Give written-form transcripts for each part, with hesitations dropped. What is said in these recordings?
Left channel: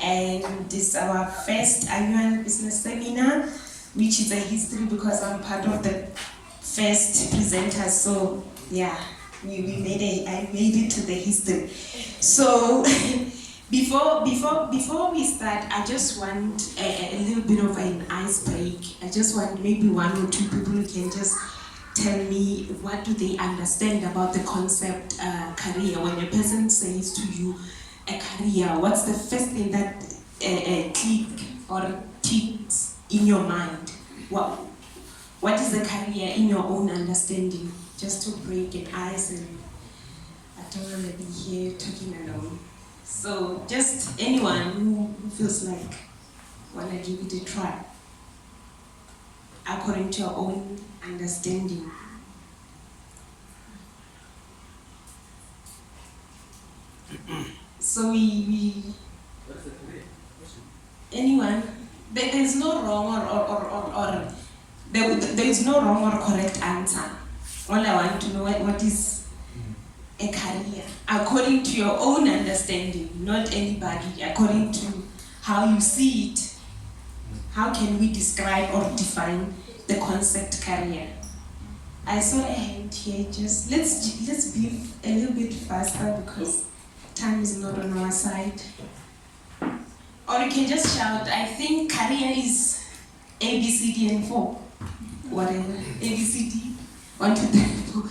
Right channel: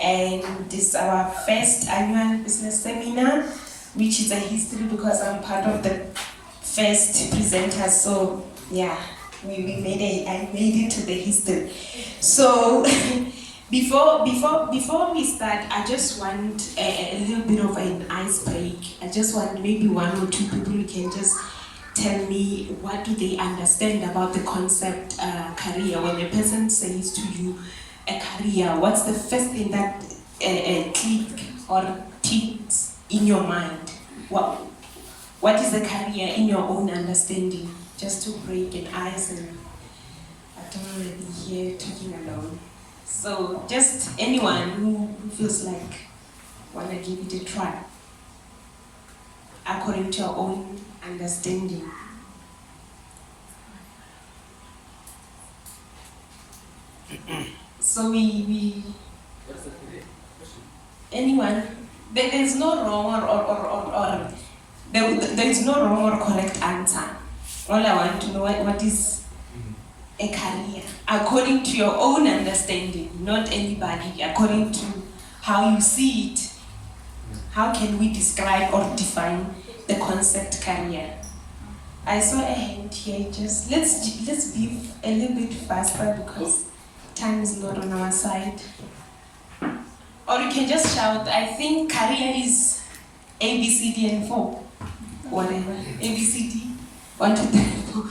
and this is our first annual business seminar, which is a history because I'm part of the first presenters. So yeah, I made it to the history. So before we start, I just want a little bit of an ice break. I just want maybe one or two people who can just tell me what do they understand about the concept career. When a person says to you a career, what's the first thing that click or ticks in your mind? What is a career in your own understanding? Just to break an ice, and I don't want to be here talking alone. So just anyone who feels like want to give it a try according to your own understanding. So we anyone, there's no wrong or there is no wrong or correct answer. All I want to know what is a career according to your own understanding, not anybody, according to how you see it. How can we describe or define the concept career? I saw a hand here. Just let's be a little bit faster because time is not on our side. Or you can just shout. I think career is A, B, C, D, and 4. Whatever. A, B, C, D. 1, 2, 3, 4.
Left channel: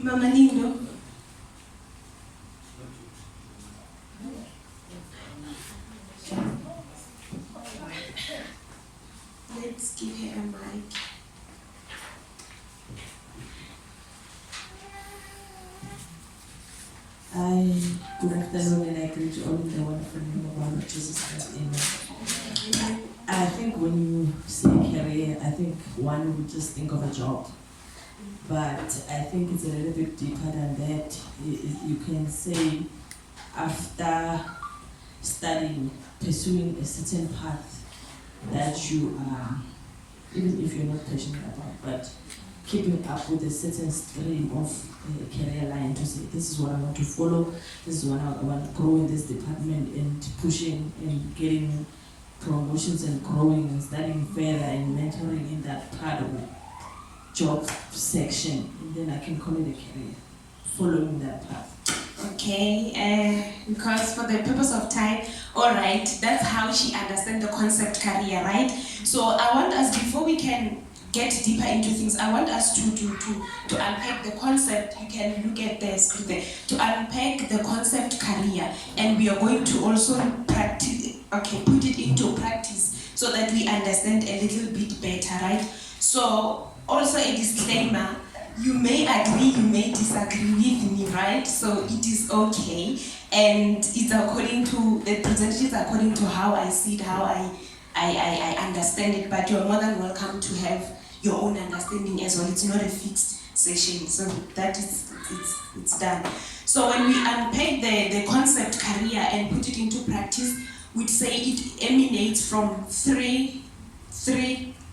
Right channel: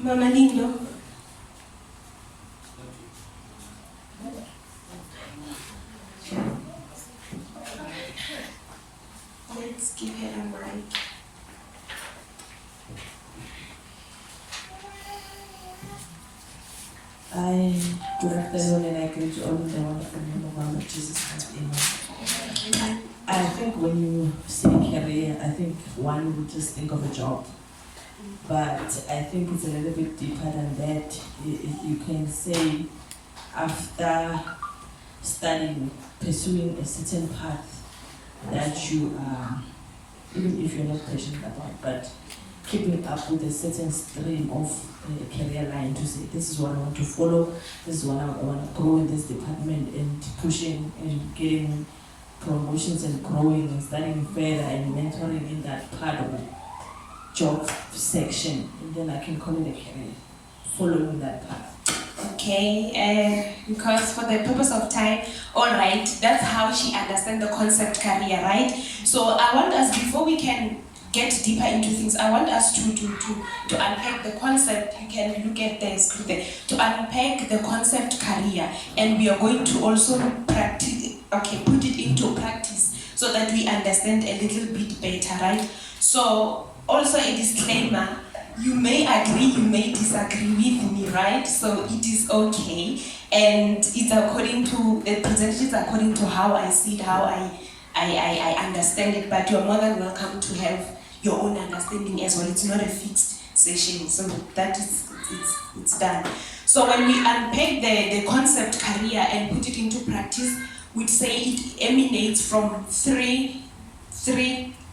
Mama Lindo. Let's give her a mic. Good afternoon, and I greet you all in the wonderful name of our Lord Jesus Christ. Amen. I think when you say career, I think one would just think of a job. But I think it's a little bit deeper than that. You can say after studying, pursuing a certain path that you are, even if you're not passionate about, but keeping up with a certain stream of career line to say, this is what I want to follow, this is what I want to grow in this department, and pushing and getting promotions and growing and studying further and mentoring in that part of the job section. And then I can call it a career, following that path. Okay, because for the purpose of time, all right, that's how she understands the concept career, right? So I want us, before we can get deeper into things, I want us to unpack the concept. You can look at the script there. To unpack the concept career, and we are going to also put it into practice so that we understand a little bit better, right? So also a disclaimer, you may agree, you may disagree with me, right? So it is okay, and it's according to, the presentation is according to how I see it, how I understand it, but you're more than welcome to have your own understanding as well. It's not a fixed session, so that is, it's done. So when we unpack the concept career and put it into practice, we'd say it emanates from three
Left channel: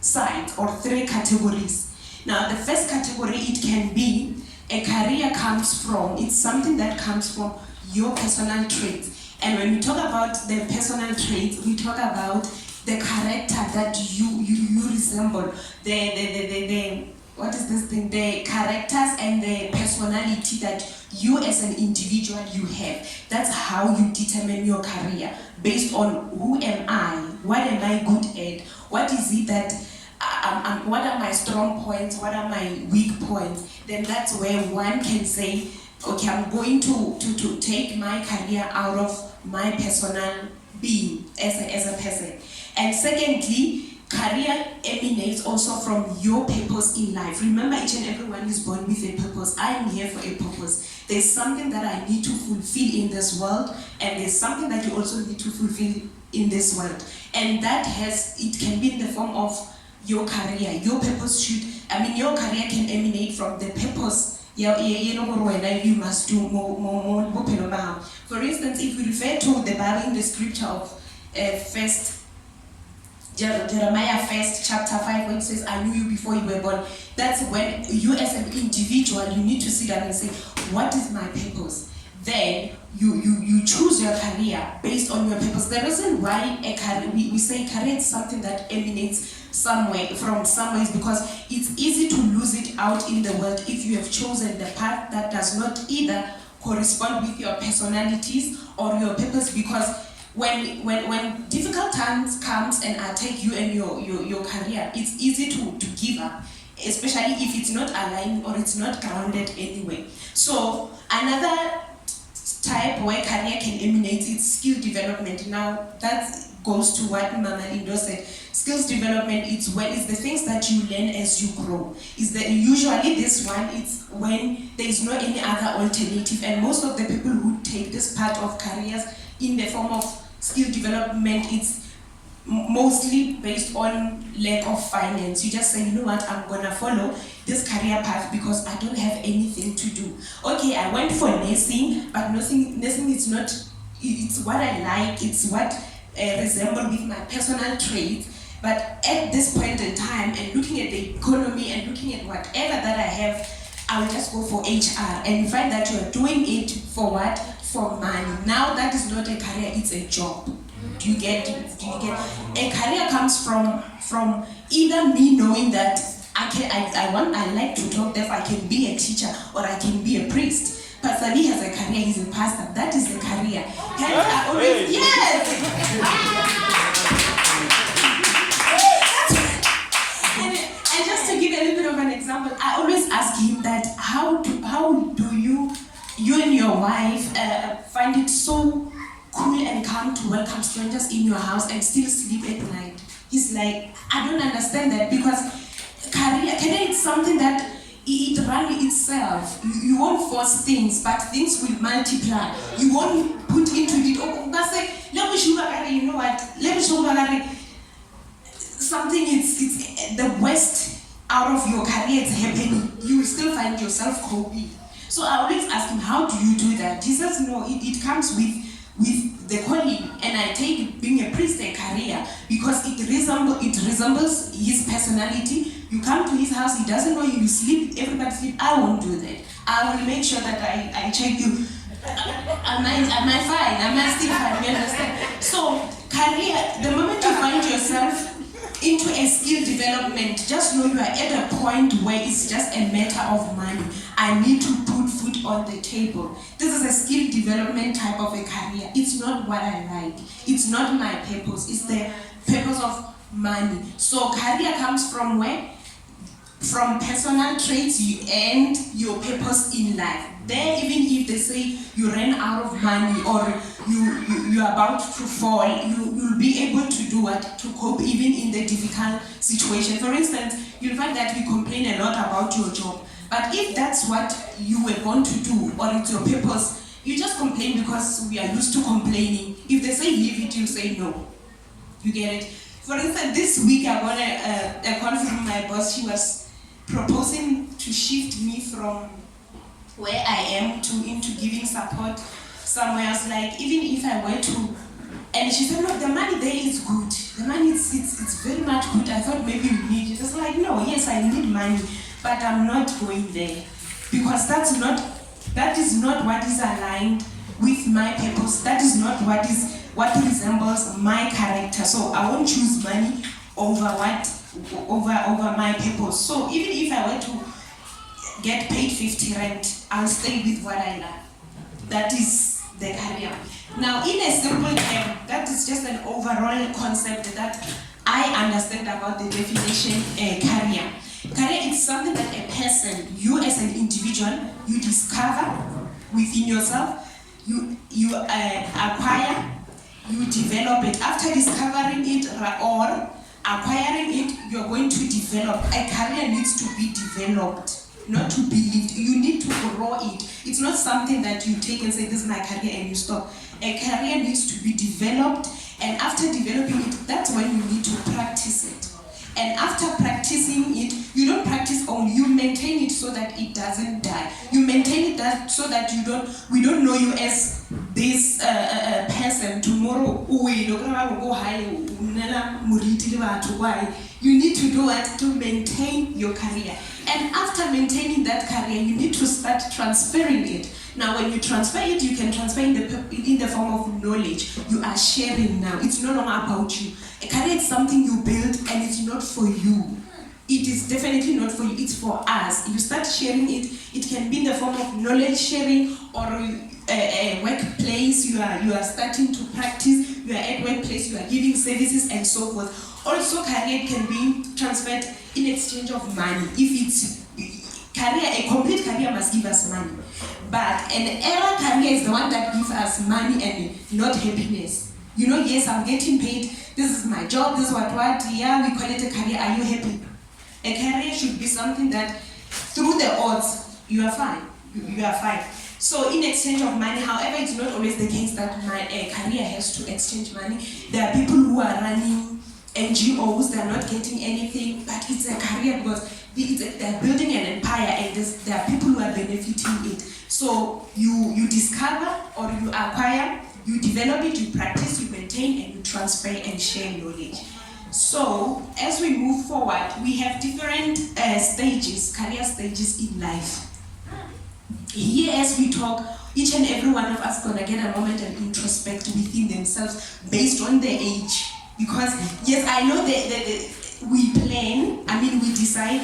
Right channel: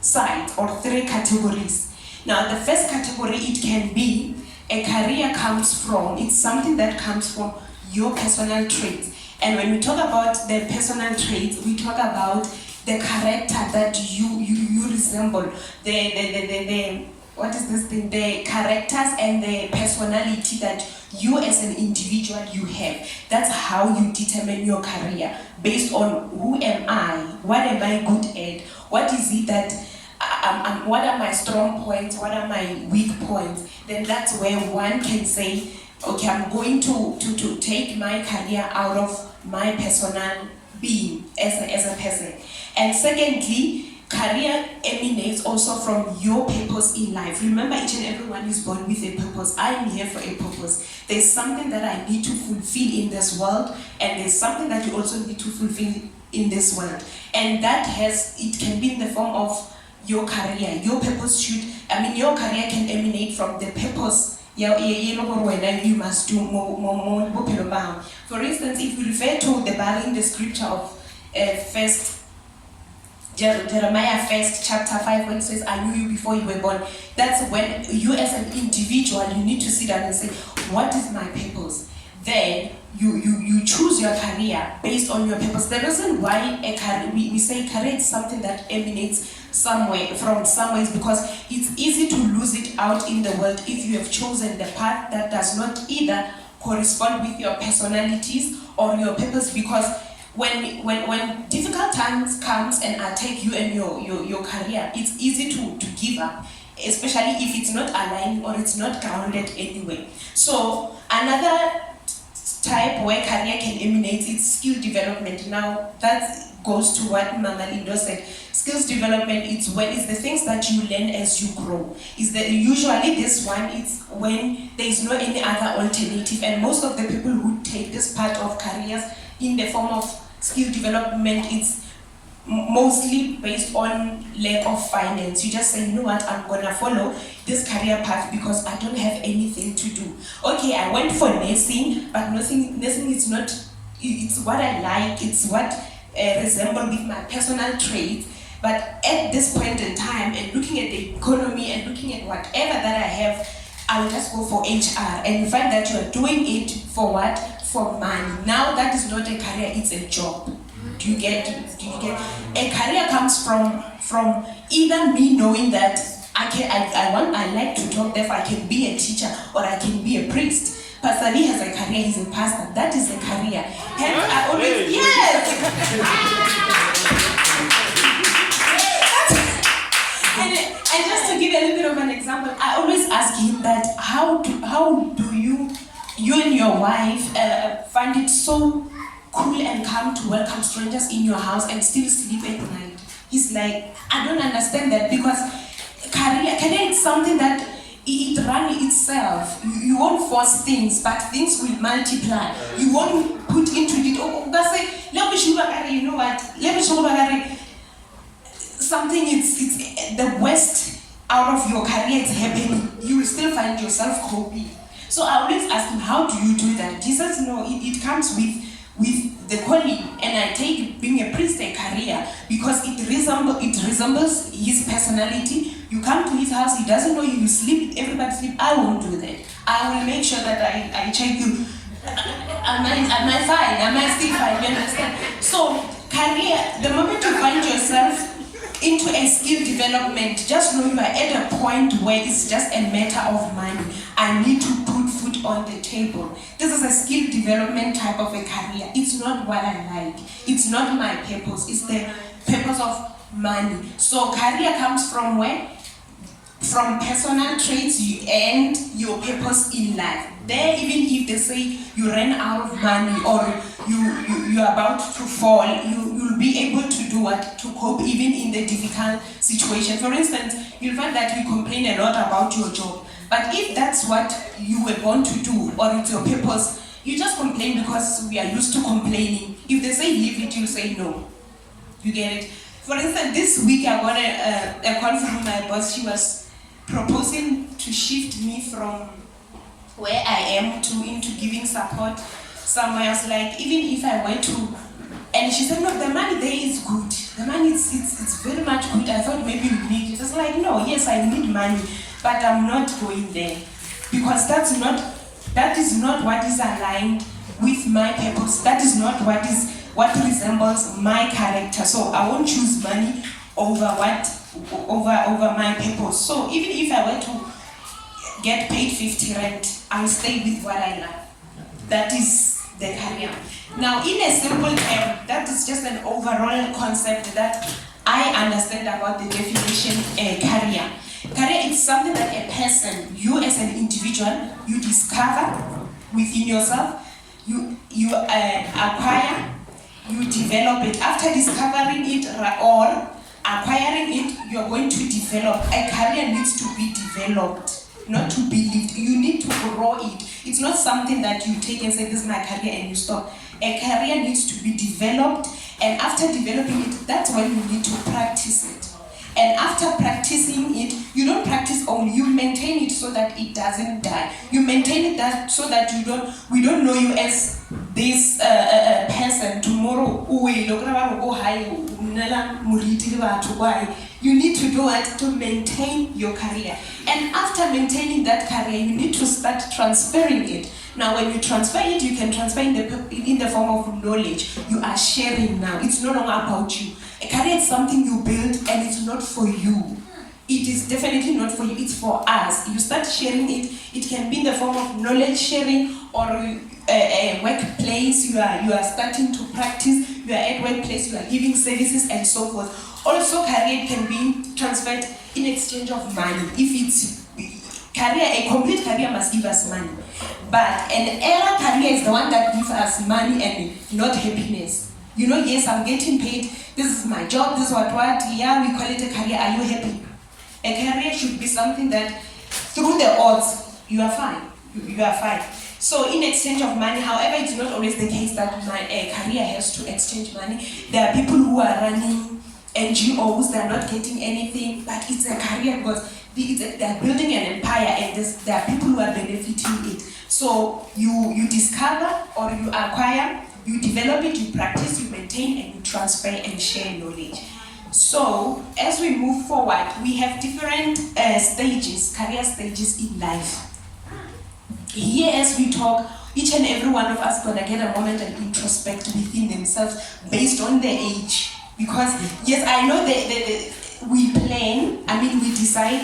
sides or three categories. Now the first category, it can be a career comes from, it's something that comes from your personal traits. And when we talk about the personal traits, we talk about the character that you resemble, the what is this thing? The characters and the personality that you as an individual you have. That's how you determine your career, based on who am I, what am I good at, what is it that what are my strong points, what are my weak points. Then that's where one can say, okay, I'm going to take my career out of my personal being as a person. And secondly, career emanates also from your purpose in life. Remember, each and everyone is born with a purpose. I am here for a purpose. There's something that I need to fulfill in this world, and there's something that you also need to fulfill in this world. And that it can be in the form of your career. Your purpose your career can emanate from the purpose you must do more. For instance, if we refer to the Bible in the scripture of Jeremiah 1 chapter 5, when it says, I knew you before you were born. That's when you as an individual, you need to sit down and say, what is my purpose? Then you choose your career based on your purpose. The reason why a career, we say career is something that emanates from somewhere is because it's easy to lose it out in the world if you have chosen the path that does not either correspond with your personalities or your purpose. Because when difficult times comes and attack you and your career, it's easy to give up, especially if it's not aligned or it's not grounded anyway. So another type where career can emanate is skill development. Now that goes to what Mama Lindo said. Skills development is the things that you learn as you grow. Usually this one is when there is no any other alternative, and most of the people who take this part of careers in the form of skill development, it's mostly based on lack of finance. You just say, you know what, I'm gonna follow this career path because I don't have anything to do. Okay, I went for nursing, but nursing is not, it's what I like, it's what resembles with my personal traits. But at this point in time, and looking at the economy and looking at whatever that I have, I will just go for HR. And you find that you are doing it for what? For money. Now that is not a career, it's a job. Do you get? A career comes from either me knowing that I like to talk, therefore I can be a teacher or I can be a priest. Pastor Lee has a career, he's a pastor. That is a career. Hence I always, And just to give a little bit of an example, I always ask him that how do you and your wife find it so cool and calm to welcome strangers in your house and still sleep at night? He's like, I don't understand that, because career is something that it runs itself. You won't force things, but things will multiply. You won't put into it, you know what, something it's the worst out of your career is happening, you will still find yourself coping. So I always ask him, how do you do that? He says, no, it comes with the calling, and I take being a priest a career because it resembles his personality. You come to his house, he doesn't know you sleep, everybody sleep. I won't do that. I will make sure that I check you. Am I fine? Am I still fine? You understand? So career, the moment you find yourself into a skill development, just know you are at a point where it's just a matter of money. I need to put food on the table. This is a skill development type of a career. It's not what I like. It's not my purpose. It's the purpose of money. So career comes from where? From personal traits and your purpose in life. There, even if they say you ran out of money or you're about to fall, you'll be able to do what? To cope even in the difficult situation. For instance, you'll find that we complain a lot about your job. But if that's what you were born to do or it's your purpose, you just complain because we are used to complaining. If they say leave it, you'll say no. You get it? For instance, this week I got a call from my boss. She was proposing to shift me from where I am into giving support somewhere else. Like, even if I went to, and she said, no, the money there is good. The money it's very much good. I thought maybe you need it. I was like, no, yes, I need money, but I'm not going there because that is not what is aligned with my purpose. That is not what resembles my character. So I won't choose money over my purpose. So even if I were to get paid 50 rand, I'll stay with what I love. That is the career. Now, in a simple term, that is just an overall concept that I understand about the definition career. Career is something that a person, you as an individual, you discover within yourself, you acquire, you develop it. After discovering it or acquiring it, you're going to develop. A career needs to be developed, not to be lived. You need to grow it. It's not something that you take and say, this is my career, and you stop. A career needs to be developed, and after developing it, that's when you need to practice it. And after practicing it, you don't practice only, you maintain it so that it doesn't die. You maintain it so that we don't know you as this person. Tomorrow, you need to do it to maintain your career. And after maintaining that career, you need to start transferring it. Now, when you transfer it, you can transfer in the form of knowledge. You are sharing now. It's no longer about you. A career is something you build, and it's not for you. It is definitely not for you, it's for us. You start sharing it. It can be in the form of knowledge sharing, or a workplace. You are starting to practice. You are at workplace. You are giving services and so forth. Also, career can be transferred in exchange of money. If it's career, a complete career must give us money. But an era career is the one that gives us money and not happiness. You know, yes, I'm getting paid. This is my job. This is what. Yeah, we call it a career. Are you happy? A career should be something that, through the odds, you are fine. You are fine. So in exchange of money, however, it's not always the case that my career has to exchange money. There are people who are running NGOs, they are not getting anything, but it's a career because they are building an empire, and there are people who are benefiting it. So you discover or you acquire, you develop it, you practice, you maintain, and you transfer and share knowledge. So, as we move forward, we have different stages, career stages in life. Here, as we talk, each and every one of us gonna get a moment and introspect within themselves based on their age. Because, yes, I know that we plan, we decide,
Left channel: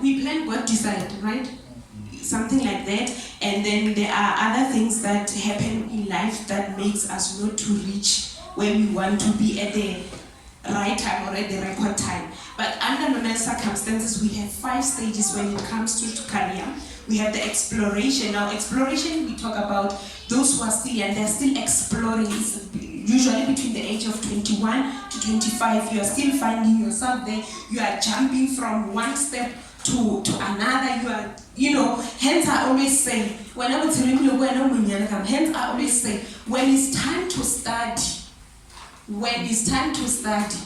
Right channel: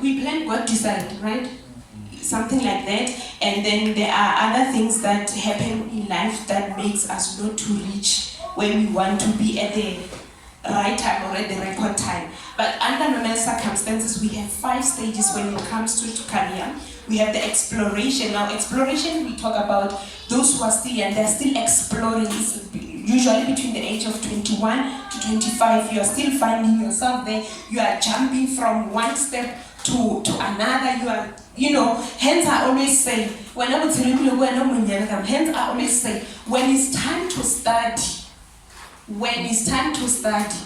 we plan, God decide, right? Something like that. And then there are other things that happen in life that makes us not to reach where we want to be at the right time or at the record time. But under normal circumstances, we have 5 stages when it comes to career. We have the exploration. Now, exploration, we talk about those who are still young, they're still exploring. It's usually between the age of 21 to 25. You are still finding yourself there. You are jumping from one step to another. Hence I always say, hence I always say, when it's time to study,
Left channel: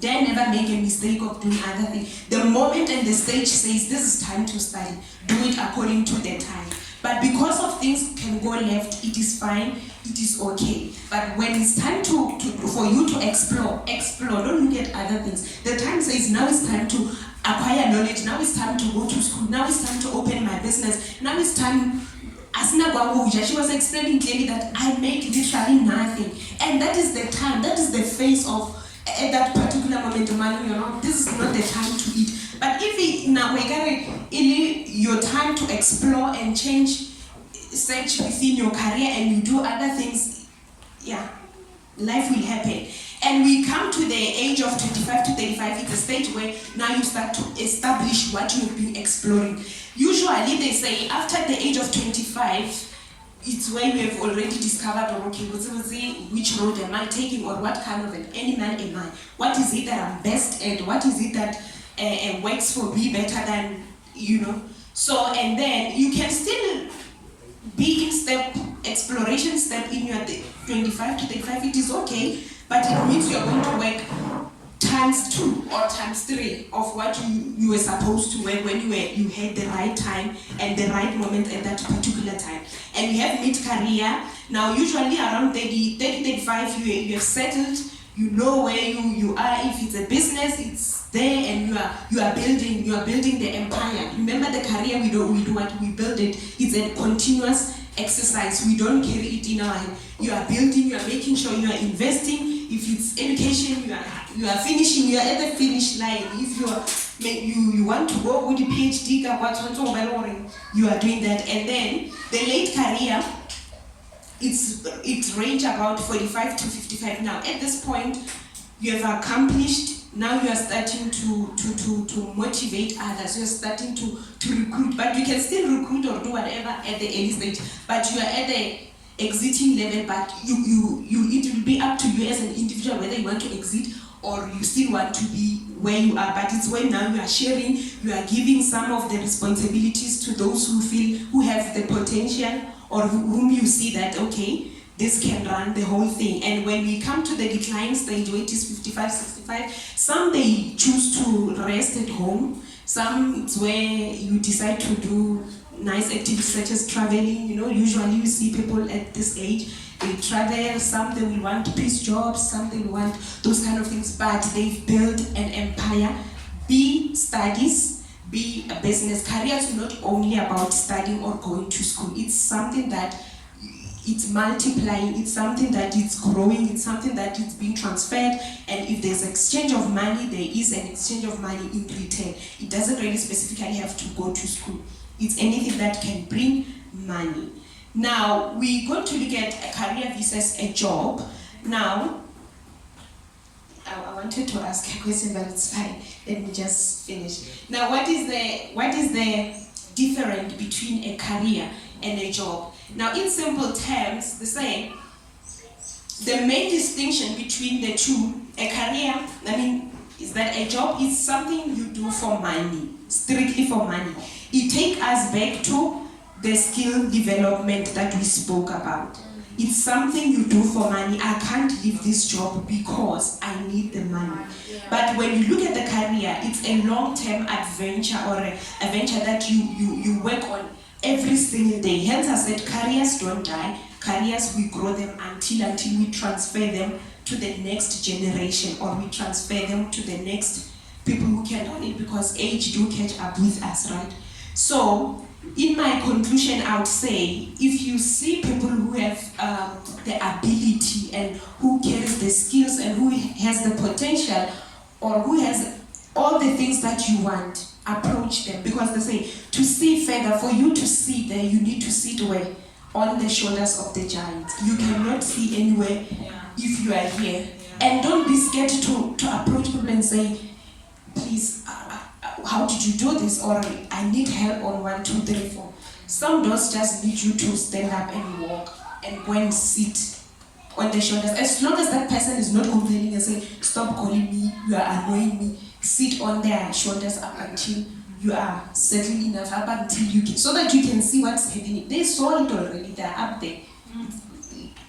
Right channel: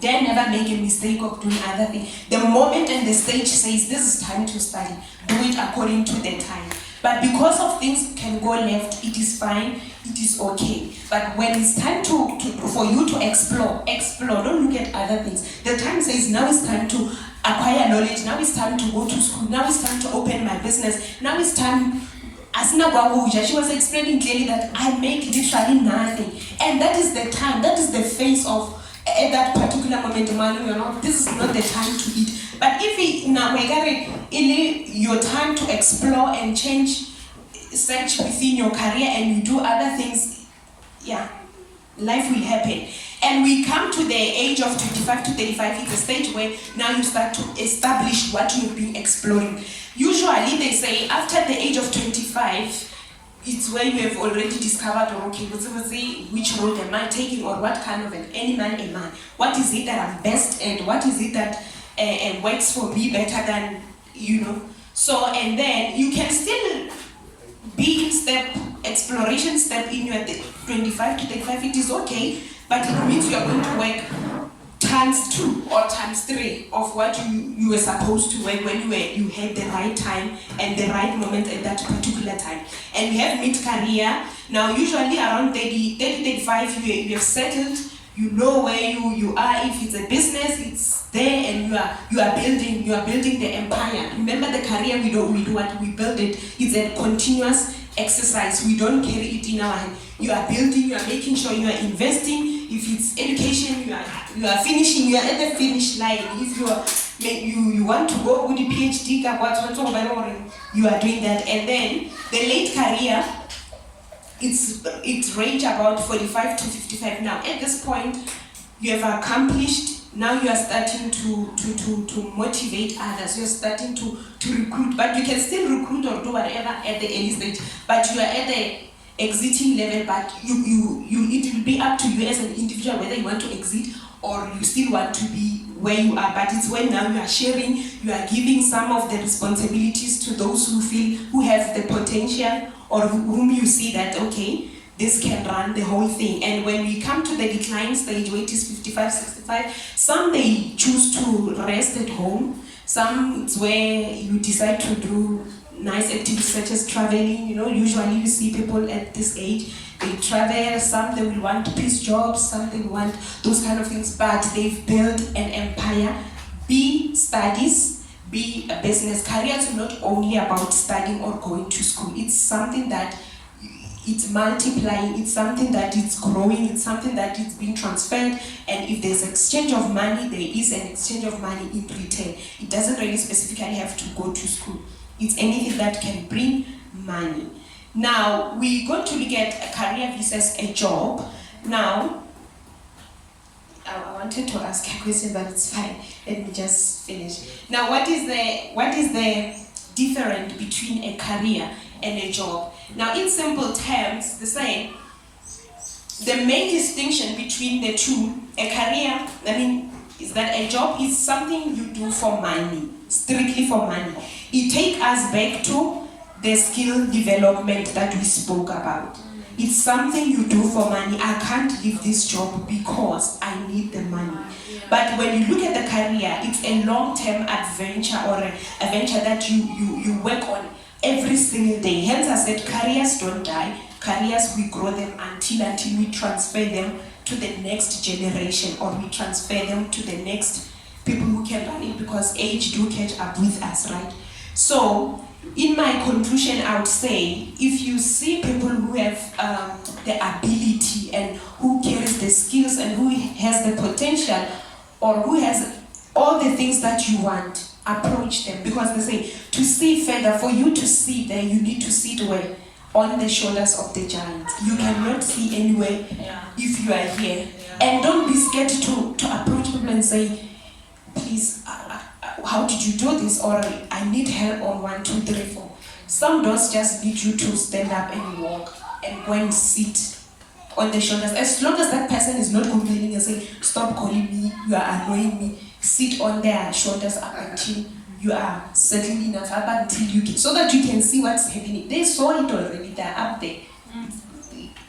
then never make a mistake of doing other things. The moment and the stage says this is time to study, do it according to the time. But because of things can go left, it is fine, it is okay. But when it's time for you to explore, don't look at other things. The time says now it's time to acquire knowledge, now it's time to go to school, now it's time to open my business, now it's time. She was explaining clearly that I make literally nothing. And that is the time, that is the phase of at that particular moment, this is not the time to eat. But if your time to explore and search within your career and you do other things, life will happen. And we come to the age of 25 to 35, it's a stage where now you start to establish what you've been exploring. Usually they say after the age of 25, it's where you have already discovered, which road am I taking, or what kind of an animal am I? What is it that I'm best at? What is it that works for me better than, So, and then you can still be in exploration step in your 25 to 35, it is okay, but it means you're going to work times 2 or times 3 of what you were supposed to work when you had the right time and the right moment at that particular time. And we have mid-career. Now, usually around 35, you have settled, you know where you are. If it's a business, it's there, and you are building the empire. Remember, the career we do what we build it. It's a continuous exercise. We don't carry it in our hand. You are building, you are making sure you are investing. If it's education, you are finishing, you are at the finish line. If you want to go with the PhD, you are doing that. And then the late career, it's range about 45 to 55. Now at this point, you have accomplished. Now you are starting to motivate others. You are starting to recruit, but you can still recruit or do whatever at the early stage. But you are at the exiting level. But it will be up to you as an individual whether you want to exit or you still want to be where you are. But it's when now you are sharing, you are giving some of the responsibilities to those who have the potential or whom you see that okay, this can run the whole thing. And when we come to the decline stage, where it is 55, 65, some they choose to rest at home. Some it's where you decide to do nice activities such as traveling. Usually you see people at this age, they travel. Some they will want peace jobs, some they will want those kind of things. But they've built an empire B, studies, B, a business. Careers are not only about studying or going to school. It's something that it's multiplying, it's something that it's growing, it's something that it's being transferred, and if there's exchange of money, there is an exchange of money in return. It doesn't really specifically have to go to school. It's anything that can bring money. Now, we're going to look at a career versus a job. Now, I wanted to ask a question, but it's fine. Let me just finish. Now, what is the difference between a career and a job? Now, in simple terms, the main distinction between the two, a career, is that a job is something you do for money, strictly for money. It takes us back to the skill development that we spoke about. It's something you do for money. I can't leave this job because I need the money. But when you look at the career, it's a long-term adventure or a venture that you work on every single day. Hence I said careers don't die. Careers, we grow them until we transfer them to the next generation, or we transfer them to the next people who can run it, because age do catch up with us, right? So in my conclusion, I would say, if you see people who have the ability and who carries the skills and who has the potential, or who has all the things that you want, approach them. Because they say, to see further, for you to see there, you need to sit where? On the shoulders of the giant. You cannot see anywhere if you are here. And don't be scared to approach people and say, please, how did you do this? Or I need help on 1, 2, 3, 4. Some doors just need you to stand up and walk and go and sit on the shoulders. As long as that person is not complaining and saying, stop calling me, you are annoying me, sit on their shoulders up until you are settled enough, up until you can, so that you can see what's happening. They saw it already, they're up there.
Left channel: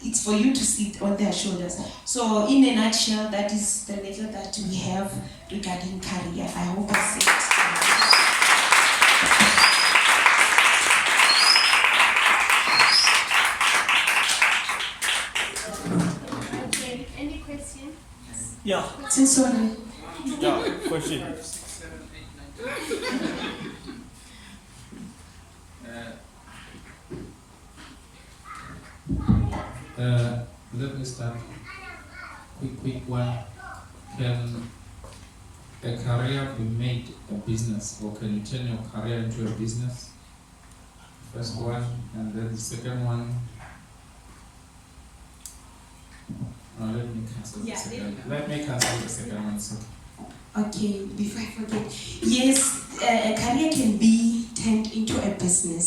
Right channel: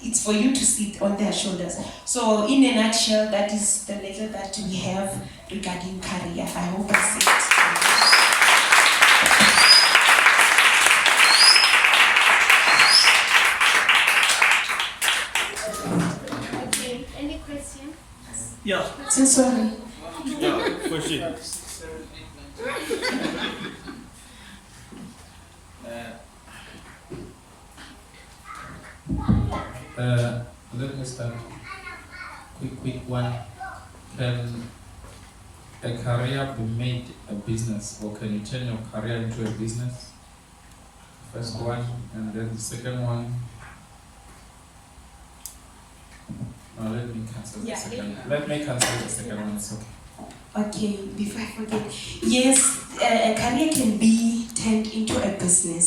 It's for you to sit on their shoulders. So in a nutshell, that is the little that we have regarding career. I hope I said Okay, any question? Yeah. so sorry. Yeah, question. Let me start. Quick one. Can a career be made a business, or can you turn your career into a business? First one, and then the second one. No, let me cancel the second. Let me cancel the second one. It's okay. Okay, before I forget. Yes, a career can be turned into a business.